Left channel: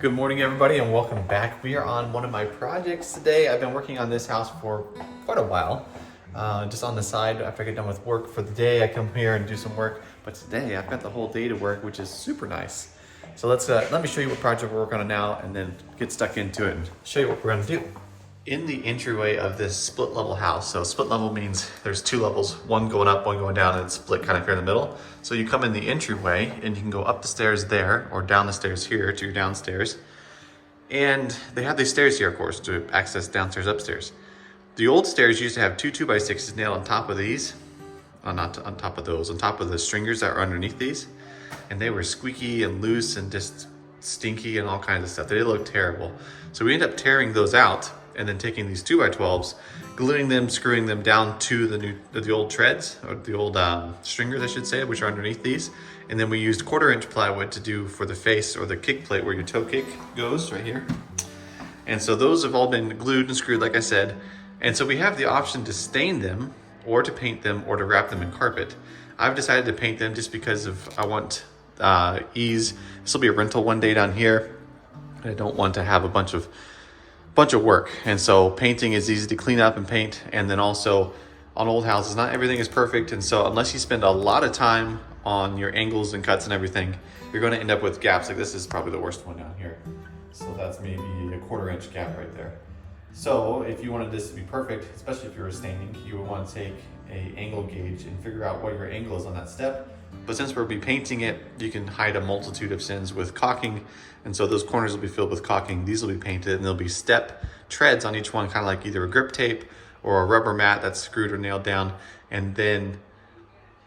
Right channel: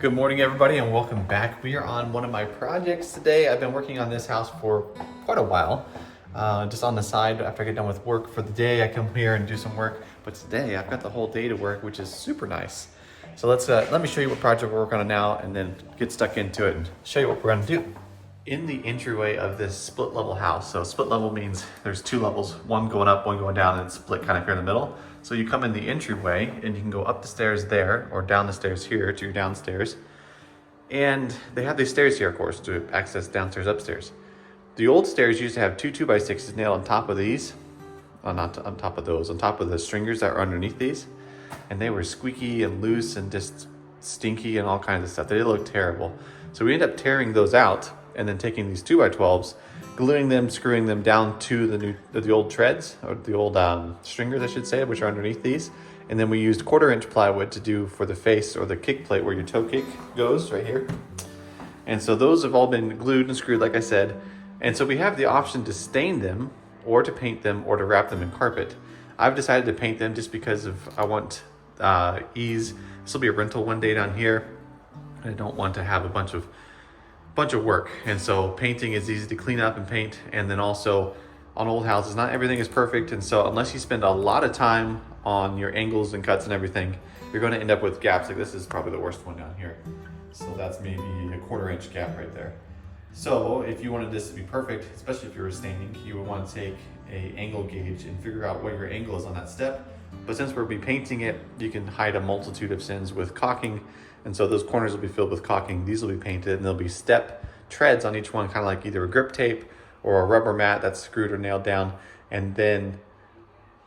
Good morning, everybody, and welcome back. We are on one of my projects today. I've been working on this house for quite a while, just on the side. After I get done with work for the day, I come here and do some work. But today, I've got the whole day to work, which is super nice. So let me show you what project we're working on now, and then get stuck into it and show you what we're going to do. In the entryway of this split level house, so split level means there's two levels, one going up, one going down, and it's split kind of here in the middle. So you come in the entryway and you can go up the stairs there or down the stairs here to your downstairs. And they have these stairs here, of course, to access downstairs, upstairs. The old stairs used to have two 2x6s nailed on top of these, not on top of those, on top of the stringers that are underneath these. And they were squeaky and loose and just stinky and all kinds of stuff. They looked terrible. So we ended up tearing those out and then taking these 2x12s, gluing them, screwing them down to the old treads, or the old stringers, I should say, which are underneath these. And then we used 1/4-inch plywood to do for the face or the kick plate where your toe kick goes right here. And so those have all been glued and screwed, like I said. And so we have the option to stain them or to paint them or to wrap them in carpet. I've decided to paint them just because I want ease. This will be a rental one day down here. I don't want to have a bunch of work, and so painting is easy to clean up and paint. And then also on old houses, not everything is perfect, and so unless you spend a lot of time on your angles and cuts and everything, you're going to end up with gaps. Like this is probably the worst one down here, so that's maybe a 1/4-inch gap right there. So if you wanted this to be perfect, especially if you were staining, you would want to take a angle gauge and figure out what your angle is on that step. But since we'll be painting it, you can hide a multitude of sins with caulking. And so those corners will be filled with caulking. These will be painted, and there'll be step treads on each one, kind of like either a grip tape or a rubber mat that's screwed or nailed down, and then,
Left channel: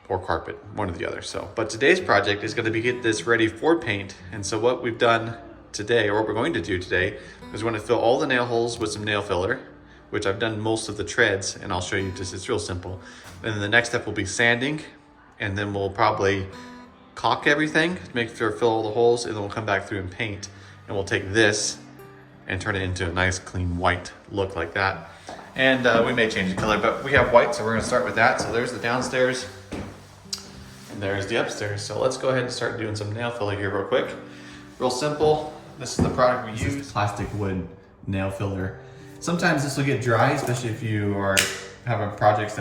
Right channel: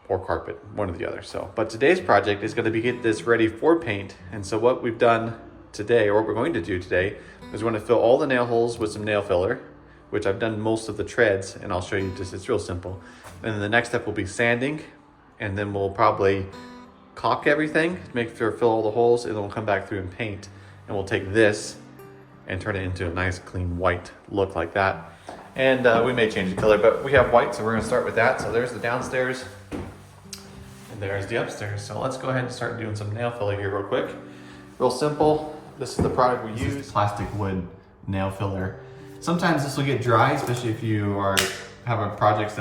or carpet, one or the other. So, but today's project is going to get this ready for paint. And so what we've done today, or what we're going to do today, is we're going to fill all the nail holes with some nail filler, which I've done most of the treads, and I'll show you just, it's real simple. And then the next step will be sanding, and then we'll probably caulk everything to make sure fill all the holes, and then we'll come back through and paint. And we'll take this and turn it into a nice clean white look like that. And we may change the color, but we have white, so we're gonna start with that. So there's the downstairs, and there's the upstairs. So let's go ahead and start doing some nail filler here real quick. Real simple. This is the product we use. Plastic wood nail filler. Sometimes this will get dry, especially if you are having projects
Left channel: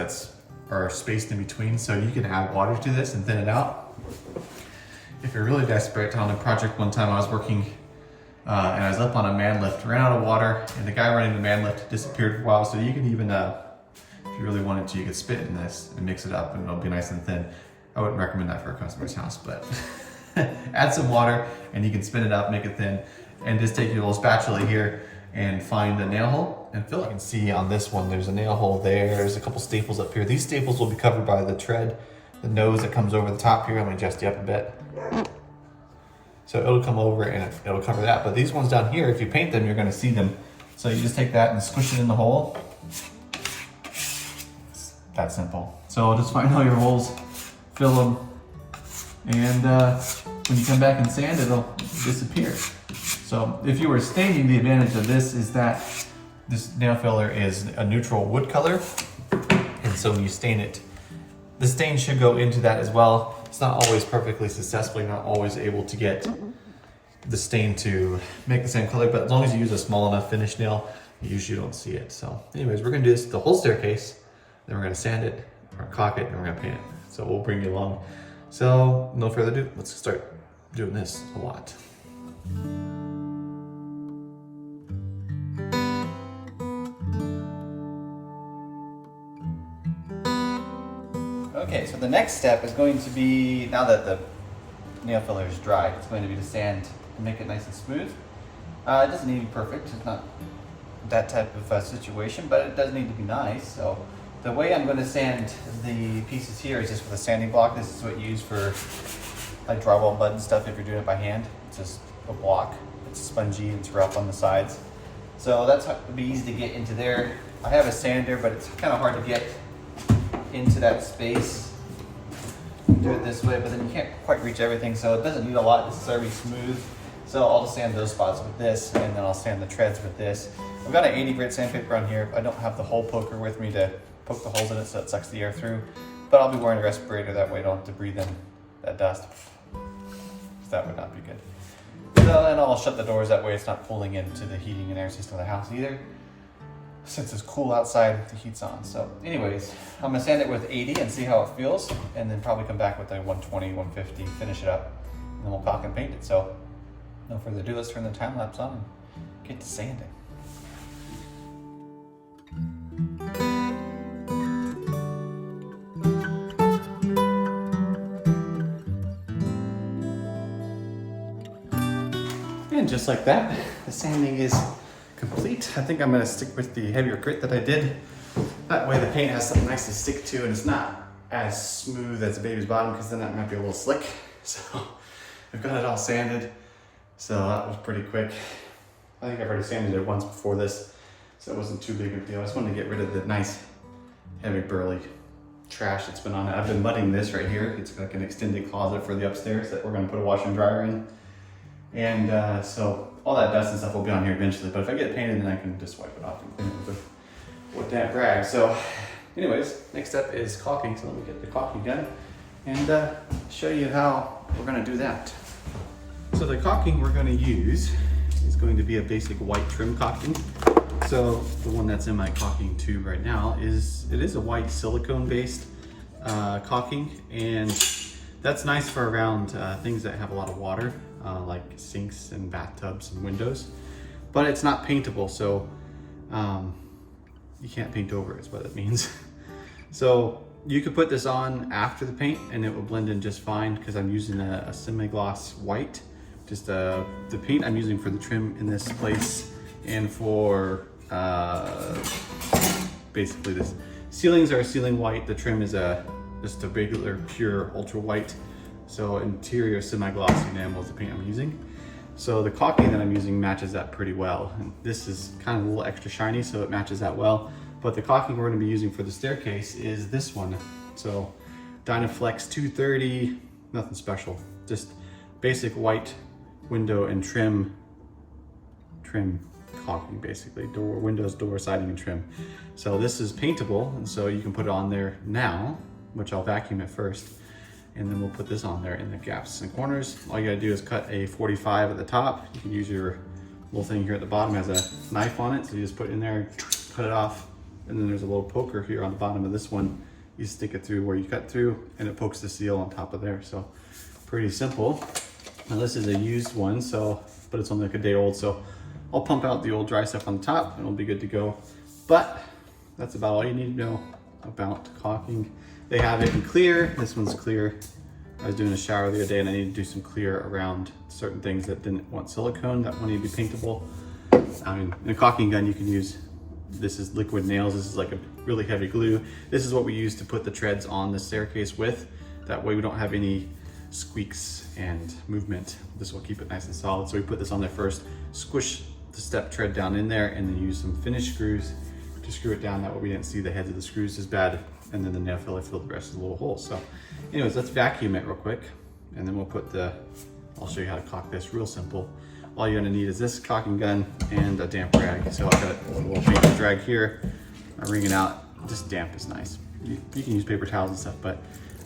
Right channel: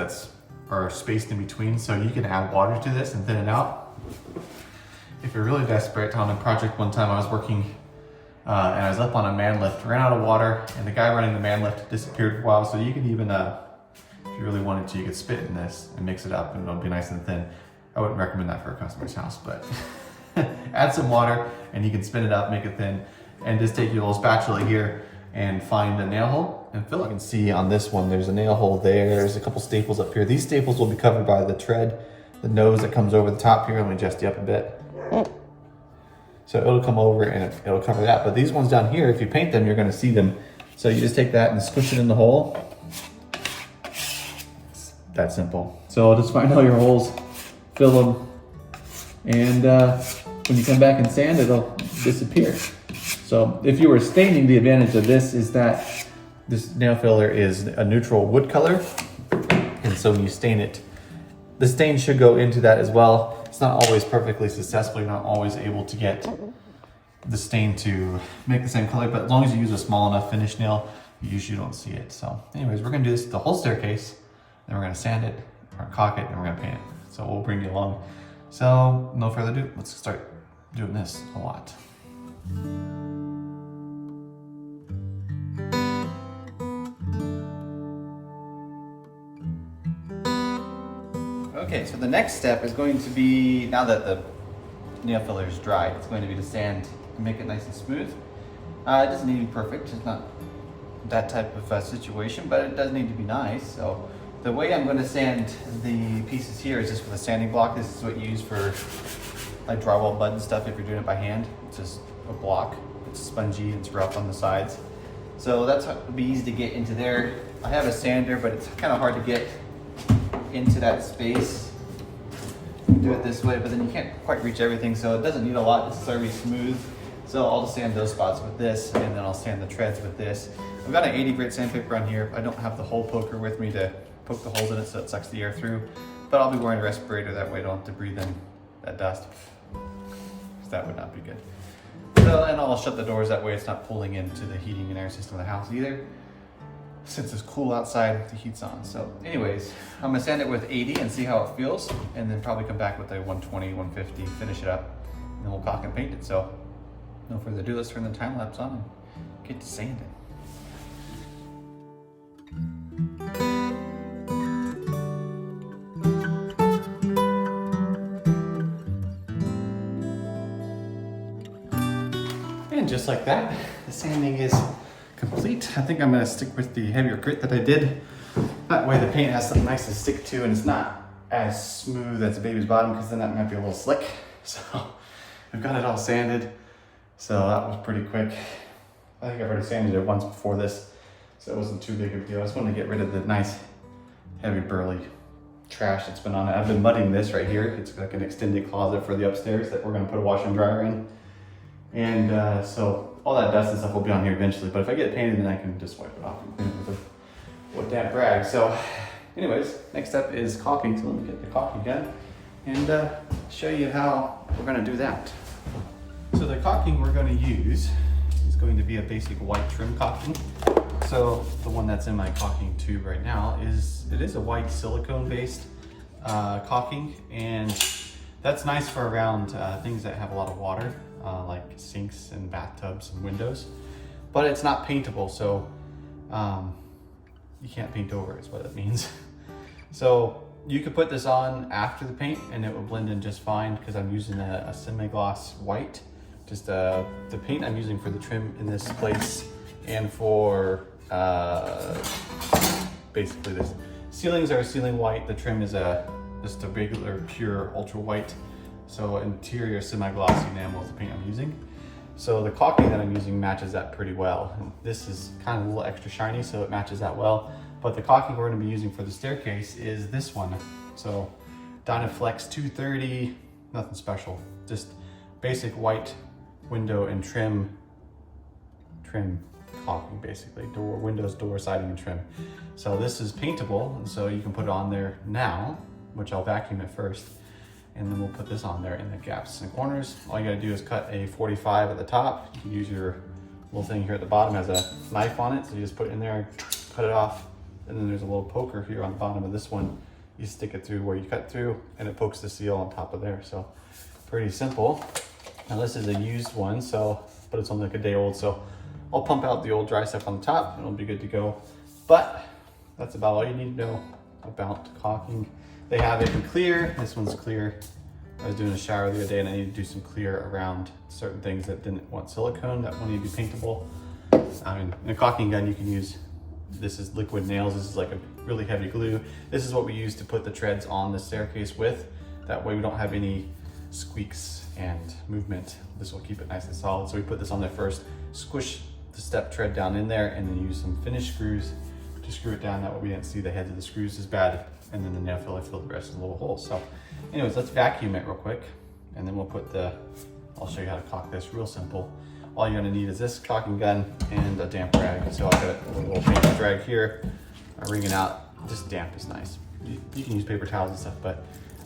are spaced in between, so you can add water to this and thin it out. If you're really desperate, on a project one time I was working and I was up on a man lift, ran out of water, and the guy running the man lift disappeared for a while. So you could even, if you really wanted to, you could spit in this and mix it up and it'll be nice and thin. I wouldn't recommend that for a customer's house, but add some water and you can spin it up, make it thin, and just take your little spatula here and find a nail hole and fill it. You can see on this one, there's a nail hole there. There's a couple staples up here. These staples will be covered by the tread, the nose that comes over the top here. Let me adjust you up a bit. So it'll come over and it'll cover that. But these ones down here, if you paint them, you're gonna see them. So you just take that and squish it in the hole. It's that simple. So just find all your holes, fill them, and when you come back and sand, it'll disappear. So if you were staining, the advantage of this is that this nail filler is a neutral wood color. And so when you stain it, the stain should go into that as well. It's not always perfectly successful. You're not always able to get the stain to make the same color, but as long as you use a small enough finish nail, you usually don't see it. So anyways, we're gonna do this the whole staircase, then we're gonna sand it, or caulk it, and we're gonna paint it. So we'll bring you along. So no further ado, let's start doing this a lot. Okay, so the next step is going to be, now that the nail filler is dry, it's going to be to sand and make it nice and smooth. It doesn't need to be perfect, it's not that type of situation, but it does need to be nice. So the way I'm going to sand the pieces here is just with a sanding block. This is what you use for like drywall mud and stuff if you're doing it by hand. It's just a block, it's spongy, it's rough on the sides. So that's how it'll be easy to get into there. I have a sander, but it's kind of hard to get into that space. You can do it this way, but then you can't quite reach everything, so it doesn't need a lot. It's very smooth. So I'll just sand those spots with this, and then I'll sand the treads with this. I've got an 80 grit sandpaper on here. I don't have the hole poker with me to poke the holes in it so it sucks the air through, but I'll be wearing a respirator, that way I don't have to breathe in that dust. That would not be good. So, and I'll shut the doors, that way it's not pulling into the heating and air system of the house either. Since it's cool outside, the heat's on. So anyways, I'm gonna sand it with 80 and see how it feels, and then probably come back with a 120, 150, finish it up, and then we'll caulk and paint it. So no further ado, let's turn the time lapse on and get to sanding. And just like that, the sanding is complete. I think I'm gonna stick with the heavier grit that I did. That way the paint has something nice to stick to and it's not as smooth as the baby's bottom, because then that might be a little slick. So I've got it all sanded. So that was pretty quick. I think I've already sanded it once before this, so it wasn't too big of a deal. I just wanted to get rid of the nice, heavy, burly trash that's been on it. I've been mudding this right here. It's like an extended closet for the upstairs that we're gonna put a washer and dryer in. And so all that dust and stuff will be on here eventually, but if I get it painted, then I can just wipe it off and clean it with a damp rag. So anyways, next step is caulking. So let me get the caulking gun and show you how we're gonna do that. So the caulking we're gonna use is going to be a basic white trim caulking. So the one that's in my caulking tube right now is a white silicone based caulking, and that's nice for around things that have a lot of water, like sinks and bathtubs and windows, but it's not paintable, so you can't paint over it is what it means. So you could put this on after the paint and it will blend in just fine, because I'm using a semi-gloss white. Just the paint I'm using for the trim in this place and for basically this. Ceilings are ceiling white, the trim is just a regular pure ultra white. So interior semi-glossy enamel is the paint I'm using. So the caulking that I'm using matches that pretty well. And this is kind of a little extra shiny, so it matches that well. But the caulking we're gonna be using for the staircase is this one. So Dynaflex 230, nothing special. Just basic white window and trim caulking, basically. Door, windows, door, siding, and trim. So this is paintable, and so you can put it on there now, which I'll vacuum it first. And then we'll put this on there in the gaps and corners. All you gotta do is cut a 45 at the top. You can use your little thing here at the bottom, has a knife on it. So you just put it in there and cut it off. And then there's a little poker here on the bottom of this one. You stick it through where you cut through and it pokes the seal on top of there. So pretty simple. Now this is a used one, but it's only like a day old. So I'll pump out the old dry stuff on the top and it'll be good to go. But that's about all you need to know about caulking. They have it in clear. This one's clear. I was doing a shower the other day and I needed to do some clear around certain things that didn't want silicone, that wanted to be paintable. I mean, in a caulking gun, you can use, this is liquid nails. This is like a really heavy glue. This is what we use to put the treads on the staircase with. That way we don't have any squeaks and movement. This will keep it nice and solid. So we put this on there first, squish the step tread down in there, and then use some finish screws to screw it down. That way we didn't see the heads of the screws as bad. And then the nail filler filled the rest of the little holes. So anyways, let's vacuum it real quick. And then we'll put I'll show you how to caulk this real simple. All you're gonna need is this caulking gun and a damp rag. So I've got a little paint rag here. I'm wringing out, just damp is nice. You can use paper towels and stuff, but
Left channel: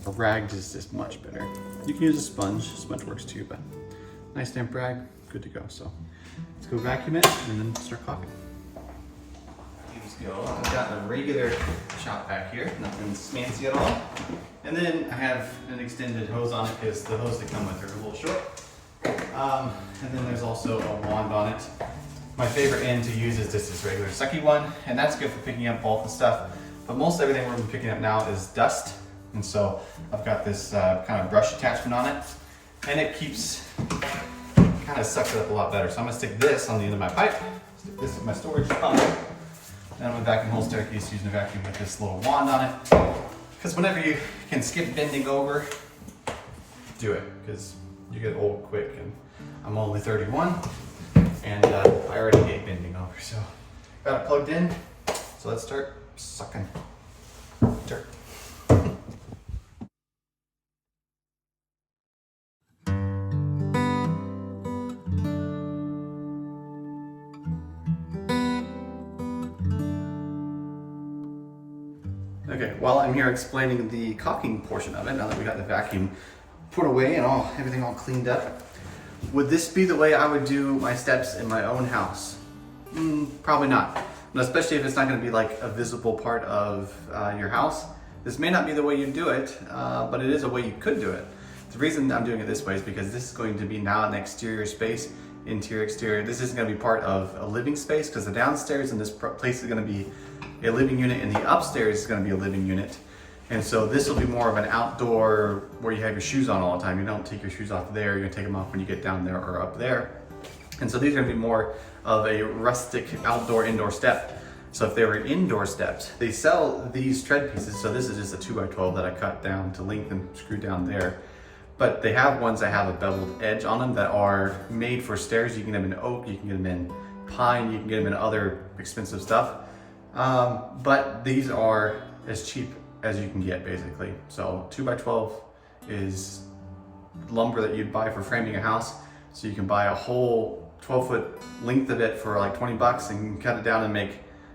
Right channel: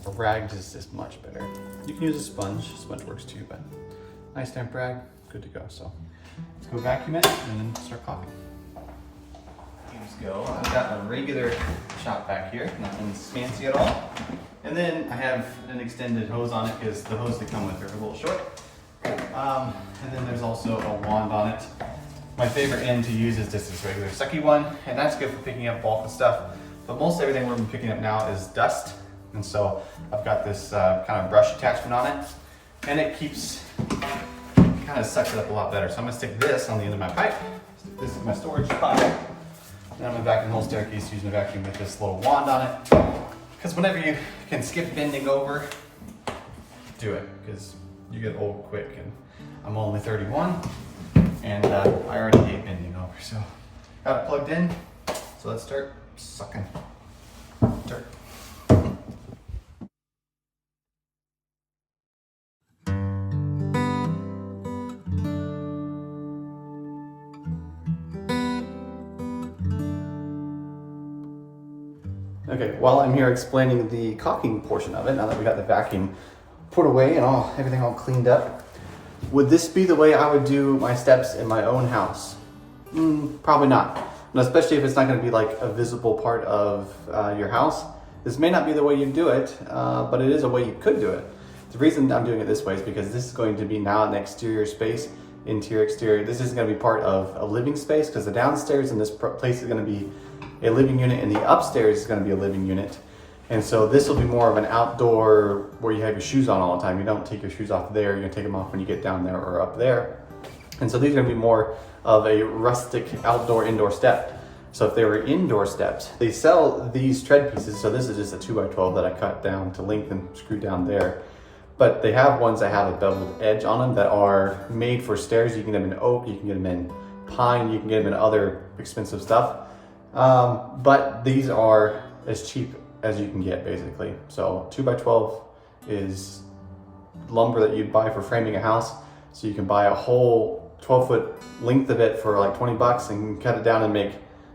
a rag just is much better. You can use a sponge works too, but nice damp rag, good to go. So let's go vacuum it and then start caulking. Go. I've got a regular shop back here, nothing fancy at all. And then I have an extended hose on it because the hose that come with are a little short. And then there's also a wand on it. My favorite end to use is just this regular sucky one, and that's good for picking up bulk and stuff. But most everything we're picking up now is dust. And so I've got this kind of brush attachment on it, and it kind of sucks it up a lot better. So I'm gonna stick this on the end of my pipe, stick this in my storage pipe. Then I'm gonna vacuum the whole staircase using a vacuum with this little wand on it. Because whenever you can skip bending over, do it, because you get old quick. And I'm only 31, and I already hate bending over. So got it plugged in. So let's start sucking dirt. Okay, while I'm here explaining the caulking portion of it, now that we got the vacuum put away and everything all cleaned up, Would this be the way I would do my steps in my own house? Probably not. And especially if it's not going to be like a visible part of your house. This may not be the way you do it, but it is a way you could do it. The reason I'm doing it this way is because this is going to be now an exterior space, interior, exterior. This isn't going to be part of a living space because the downstairs in this place is going to be a living unit and the upstairs is going to be a living unit. And so this will be more of an outdoor where you have your shoes on all the time. You don't take your shoes off there, you're gonna take them off when you get down there or up there. And so these are gonna be more of a rustic outdoor indoor step. So if they were indoor steps, they sell these tread pieces. So this is just a 2x12 that I cut down to length and screw down there. But they have ones that have a beveled edge on them that are made for stairs. You can get them in oak, you can get them in pine, you can get them in other expensive stuff. But these are as cheap as you can get basically. So 2x12 is lumber that you'd buy for framing a house. So you can buy a whole 12-foot length of it for like 20 bucks and cut it down and make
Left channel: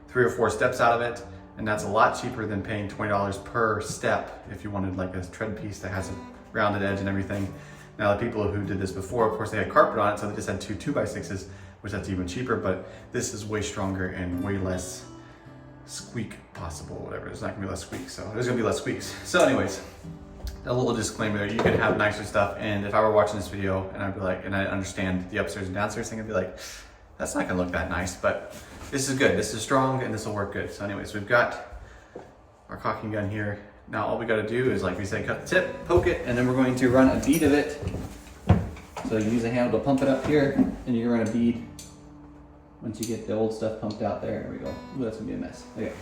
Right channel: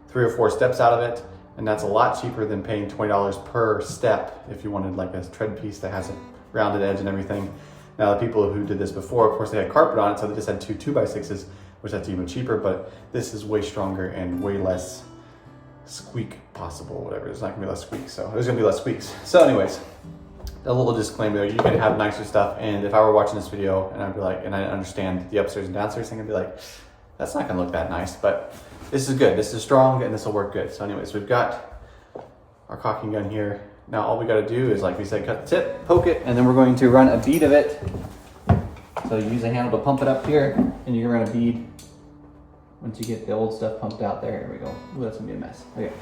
3 or 4 steps out of it. And that's a lot cheaper than paying $20 per step if you wanted like a tread piece that has a rounded edge and everything. Now the people who did this before, of course they had carpet on it, so they just had 2 2x6s, which that's even cheaper, but this is way stronger and way less squeak possible, whatever. There's not gonna be less squeaks, so there's gonna be less squeaks. So anyways, a little disclaimer there, you can have nicer stuff, and if I were watching this video and I'd be like, and I understand the upstairs and downstairs thing, I'd be like, that's not gonna look that nice, but this is good, this is strong, and this will work good. So anyways, we've got our caulking gun here. Now all we gotta do is, like we said, cut the tip, poke it, and then we're going to run a bead of it. So you use a handle to pump it up here, and you run a bead. Once you get the old stuff pumped out there, here we go. Ooh, that's gonna be a mess. Okay.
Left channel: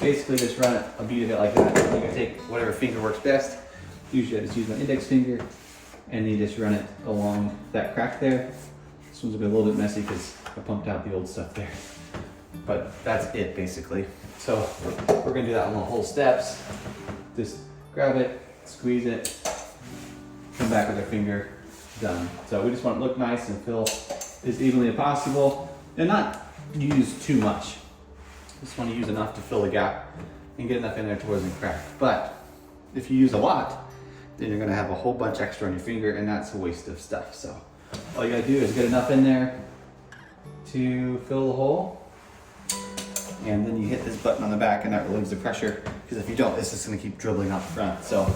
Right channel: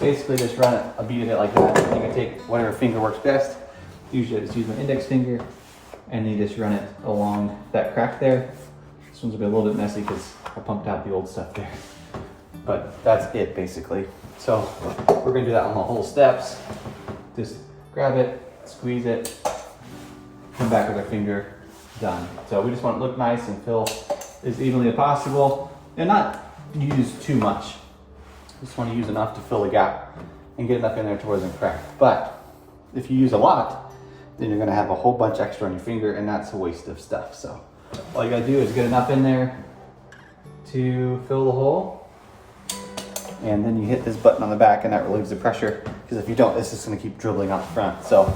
Basically just run a bead of it like that. And you can take whatever finger works best. Usually I just use my index finger, and then you just run it along that crack there. This one's gonna be a little bit messy because I pumped out the old stuff there. But that's it basically. So we're gonna do that on the whole steps. Just grab it, squeeze it, come back with our finger, done. So we just want it to look nice and fill as evenly as possible. And not use too much. Just want to use enough to fill the gap and get enough in there to where it doesn't crack. But if you use a lot, then you're gonna have a whole bunch extra on your finger, and that's a waste of stuff. So all you gotta do is get enough in there to fill the hole. And then you hit this button on the back and that relieves the pressure. Because if you don't, it's just gonna keep dribbling out the front. So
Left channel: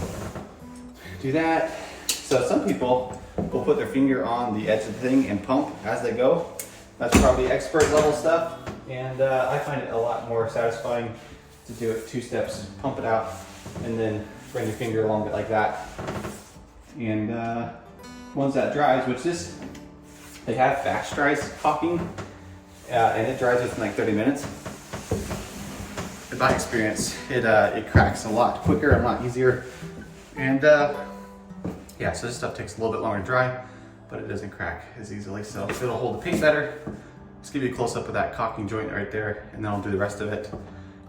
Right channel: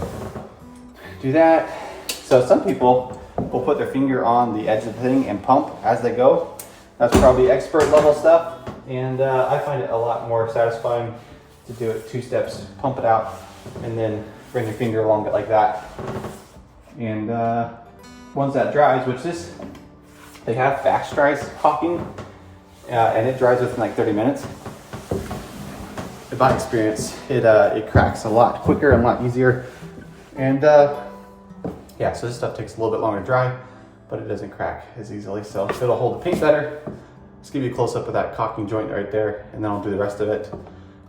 do that. So some people will put their finger on the edge of the thing and pump as they go. That's probably expert level stuff, and I find it a lot more satisfying to do it 2 steps, pump it out, and then bring your finger along it like that. And once that dries, which they have fast dries caulking, and it dries within like 30 minutes. In my experience, it cracks a lot quicker and a lot easier. And yeah, so this stuff takes a little bit longer to dry, but it doesn't crack as easily, so it'll hold the paint better. Let's give you a close-up of that caulking joint right there, and then I'll do the rest of it,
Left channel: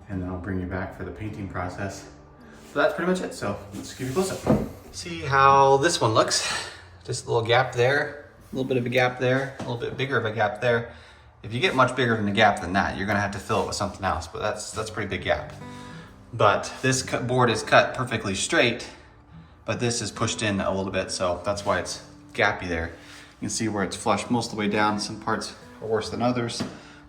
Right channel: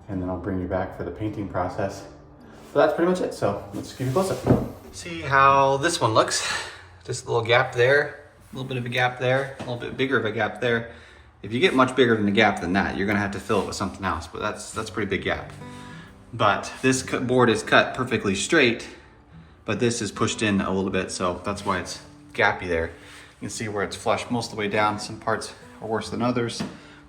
and then I'll bring you back for the painting process. So that's pretty much it, so let's give you a close-up. See how this one looks. Just a little gap there, a little bit of a gap there, a little bit bigger of a gap there. If you get much bigger than a gap than that, you're gonna have to fill it with something else, but that's a pretty big gap. But this board is cut perfectly straight, but this is pushed in a little bit, so that's why it's gappy there. You can see where it's flush most of the way down. Some parts are worse than others.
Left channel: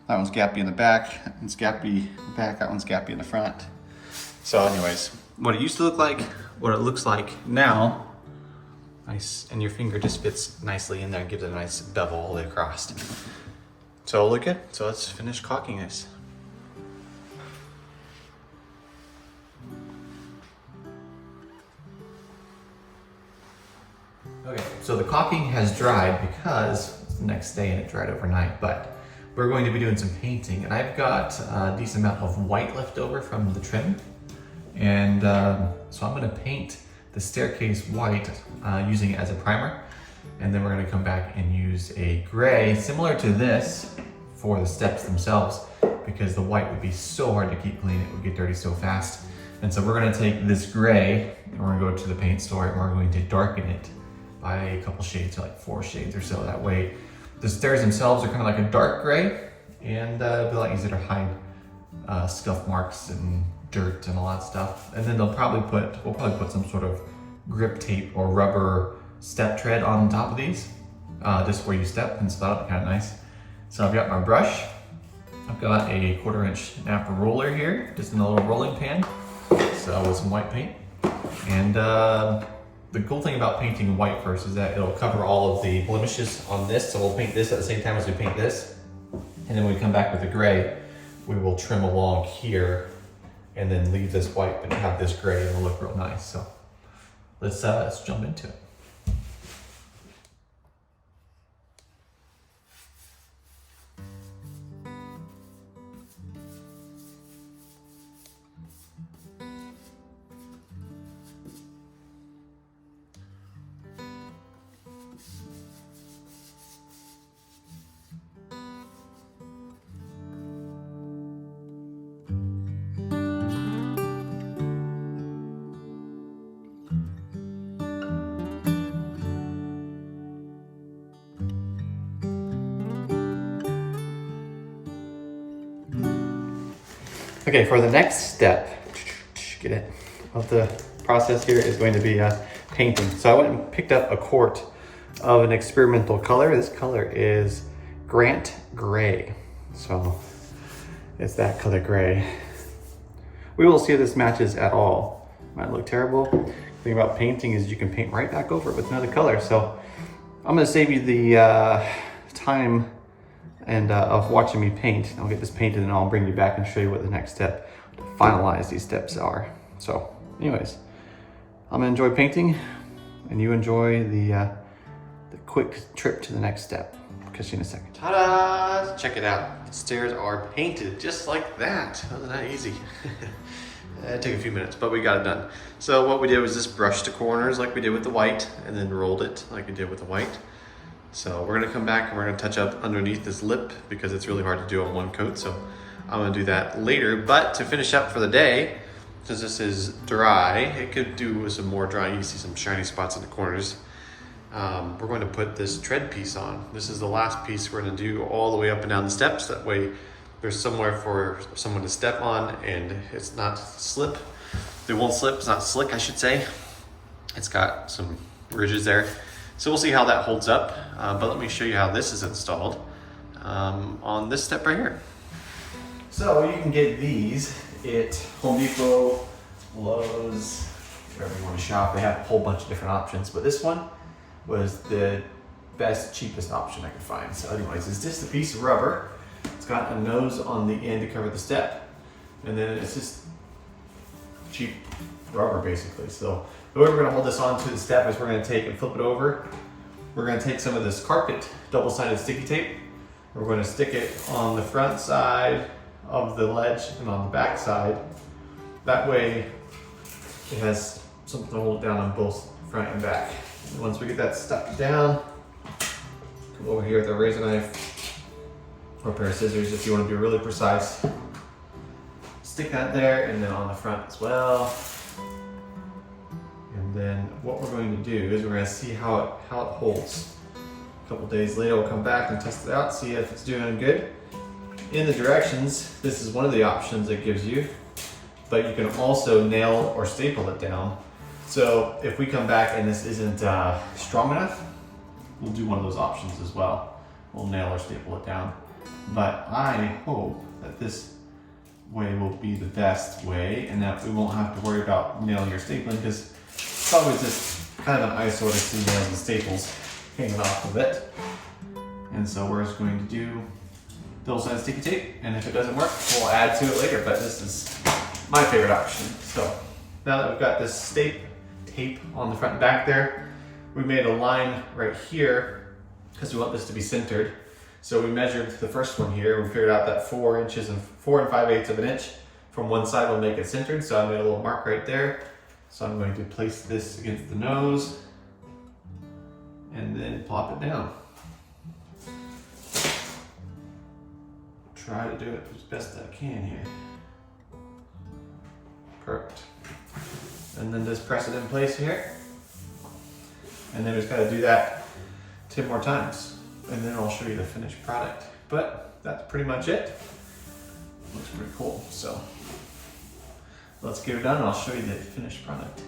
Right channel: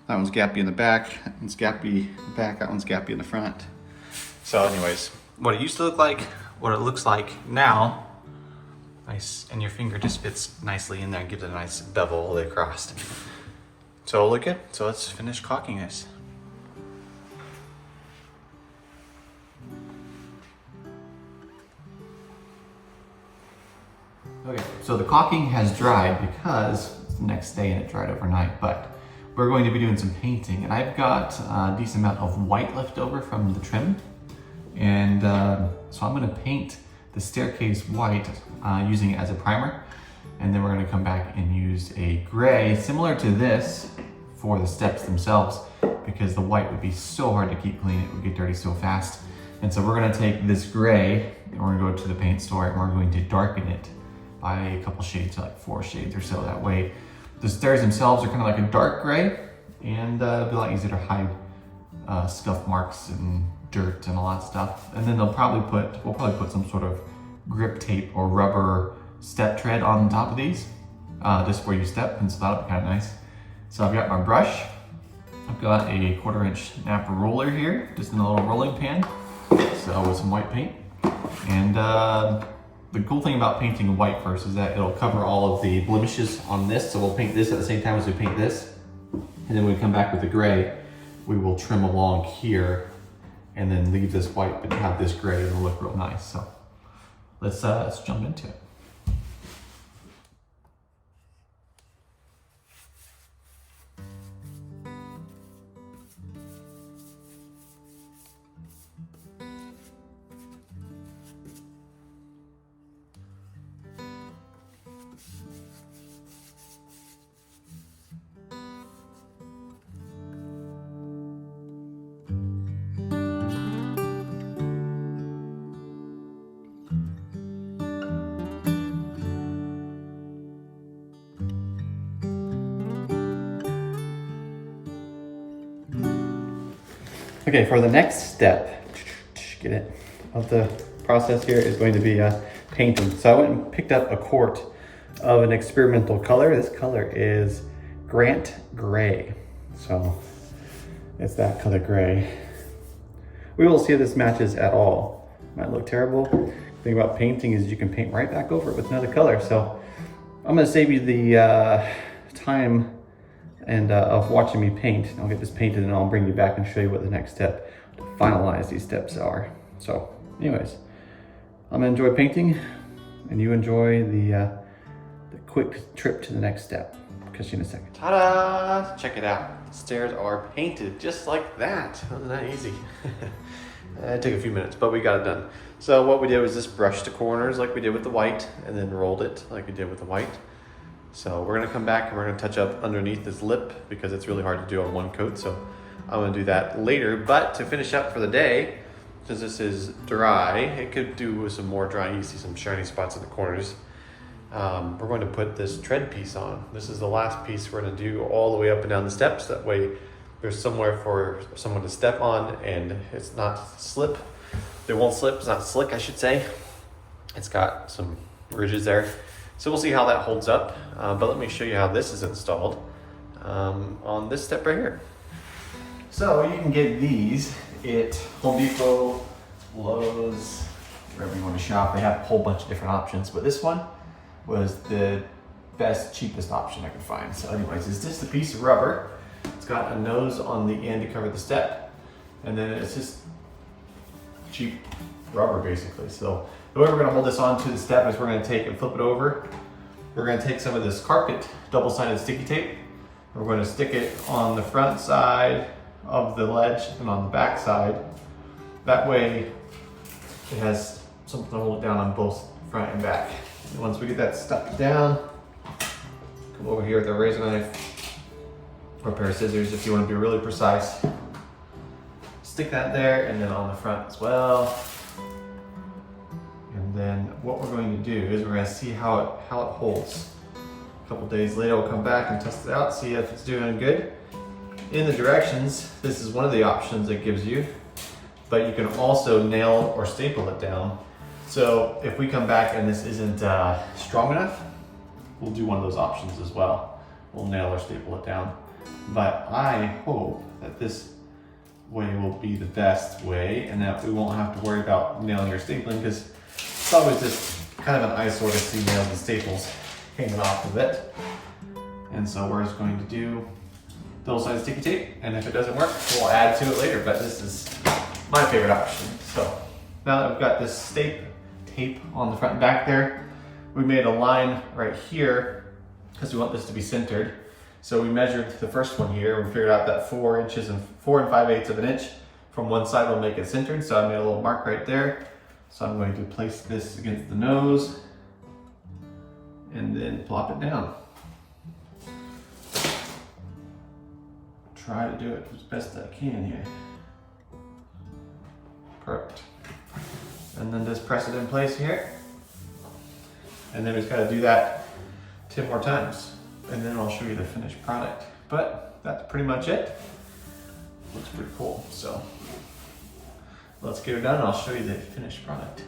That one's gappy in the back, that one's gappy in the back, that one's gappy in the front. So anyways, what it used to look like, what it looks like now, nice, and your finger just fits nicely in there and gives it a nice bevel all the way across. So look good. So let's finish caulking this. Okay, so the caulking has dried because it's the next day and it dried overnight, but we're going to be doing some painting, and I've got a decent amount of white left over from the trim. And so I'm gonna paint the staircase white using it as a primer. And then we're gonna come back and use a gray similar to this for the steps themselves, because the white would be so hard to keep clean, it would get dirty so fast. And so we're gonna take this gray and we're gonna go to the paint store and we're going to darken it by a couple shades, so like 4 shades or so. That way the stairs themselves are kind of like a dark gray, and it'll be a lot easier to hide scuff marks and dirt and all that stuff. And then we'll probably put some sort of grip tape or rubber step tread on top of these, just where you step, and so that'll be kind of nice. So I've got my brush. I've got a 1/4-inch napa roller here, just in a little rolling pan. So with some white paint. And the cool thing about painting white first is that it'll cover all of the blemishes on this. So we'll paint this at the same time as we paint this. And then when we come back with the gray, we will trim along here and then leave this white, but have this gray and it'll look real nice. So let's jump into it. Okay, for the next step, get it, of the process here is going to be painting. So I went and picked up a quart of an experimental color. This color is Grant Gray. So it's that color gray. We will see if this matches at all. Might look terrible. The thing about painting is you can paint right back over it with another color. So I'm gonna save you the time and of watching me paint. I'll get this painted and I'll bring you back and show you what the next step to finalize these steps are. So anyways, I'm gonna enjoy painting and you enjoy the quick trip to the next step. Catch you in a second. Ta-da! Check it out. The stairs are painted just like that. Wasn't that easy? It took a few minutes, but we got it done. So what we did was just brush the corners like we did with the white and then rolled it like we did with the white. So we're gonna come back and we're gonna touch up underneath this lip because it's really hard to do on one coat. So I'm gonna do that later. But to finish up for the day, since this is dry, it could do with some more dry. You see some shiny spots in the corners. We're going to put this tread piece on. This is the last piece we're gonna do all the way up and down the steps. That way there's somewhere for someone to step on and it's not slip. It won't slip, it's not slick, I should say. It's got some ridges there. So we'll see how that holds up, but let me show you how this is installed on this step right here. So you can get these at Home Depot, Lowe's, wherever you want to shop. They have a whole bunch of different options, but this one was the best, cheapest option I could find. So anyways, it's just a piece of rubber. It's got a nose on the end to cover the step, and then it's just cheap rubber basically. So the way we're gonna hold this onto the step is we're gonna take and flip it over. We're gonna take some of this carpet double-sided sticky tape. We're gonna stick it on the front side of the ledge and on the back side. That way it has something to hold it down on both front and back. And once we get that stuck down, come over here with a razor knife or a pair of scissors if you wanna be really precise. Stick that there and then on the front as well. And then what we're going to do is we're going to see how it holds. A couple days later we'll come back and test it out, see if it's doing good. In the directions, this is one of the options it gives you, but you can also nail or staple it down. So if we come back and this isn't strong enough, we'll do one of those options as well. We'll nail or staple it down. But I hope that this way will be the best way and that we won't have to worry about nailing or stapling because it's always just kind of an eyesore to see nails and staples hanging off of it. And so we're just going to do double-sided sticky tape, and if it doesn't work, we'll add to it later, but this is my favorite option. So now that we've got this tape on the front and back there, we made a line right here because we want this to be centered. So we measured the first one here, and we figured out that 4 inches and 4 5/8 of an inch from one side will make it centered. So I made a little mark right there. So I'm going to place this against the nose and then plop it down. Try to do it as best I can here. Perfect. And then just press it in place here. And then we just gotta do that 10 more times. And then I'll show you the finished product. But that's pretty much it. Looks pretty cool. So let's get it done and I'll show you the finished product.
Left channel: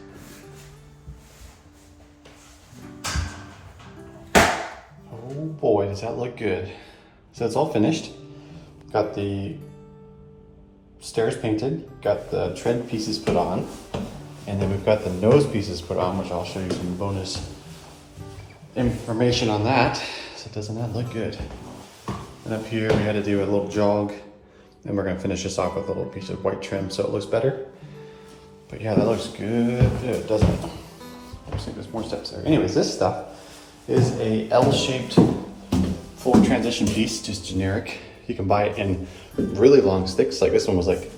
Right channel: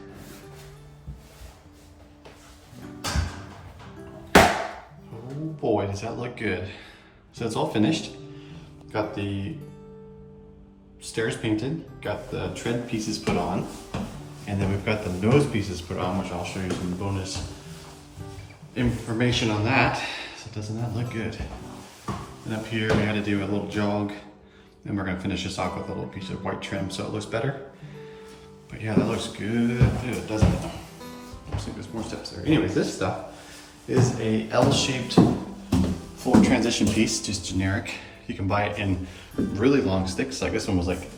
boy, does that look good. So it's all finished. Got the stairs painted, got the tread pieces put on, and then we've got the nose pieces put on, which I'll show you some bonus information on that. So doesn't that look good? And up here we had to do a little jog, and we're gonna finish this off with a little piece of white trim so it looks better. But yeah, that looks good, doesn't it? Looks like there's more steps there. Anyways, this stuff is a L-shaped full transition piece, just generic. You can buy it in really long sticks, like this one was like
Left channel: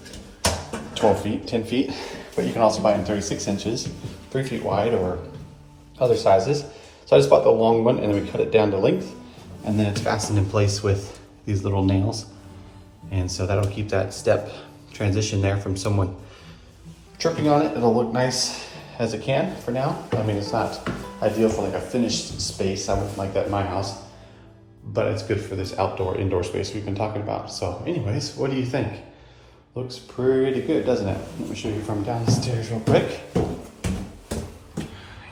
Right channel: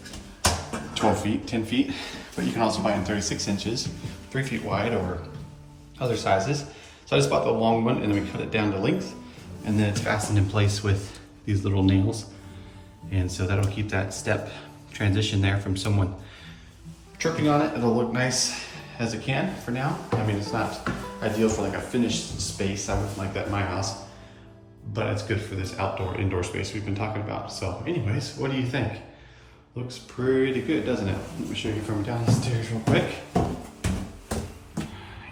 12 feet, 10 feet, but you can also buy it in 36 inches, 3 feet wide, or other sizes. So I just bought the long one, and then we cut it down to length, and then it's fastened in place with these little nails. And so that'll keep that step transition there from someone tripping on it. It'll look nice as it can for now. I mean, it's not ideal for like a finished space. I wouldn't like that in my house, but it's good for this outdoor, indoor space we've been talking about. So anyways, what do you think? Looks pretty good, doesn't it? Let me show you from down the stairs real quick.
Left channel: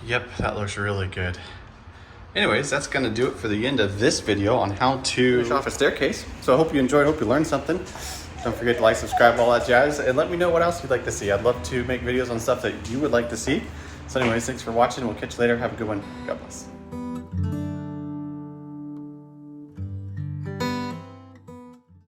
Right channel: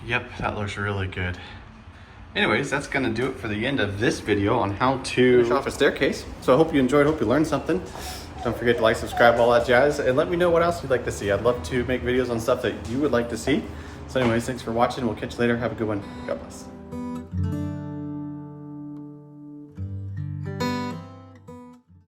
Yep, that looks really good. Anyways, that's gonna do it for the end of this video on how to finish off a staircase. So I hope you enjoyed, hope you learned something. Don't forget to like, subscribe, all that jazz, and let me know what else you'd like to see. I'd love to make videos on stuff that you would like to see. So anyways, thanks for watching. We'll catch you later. Have a good one. God bless.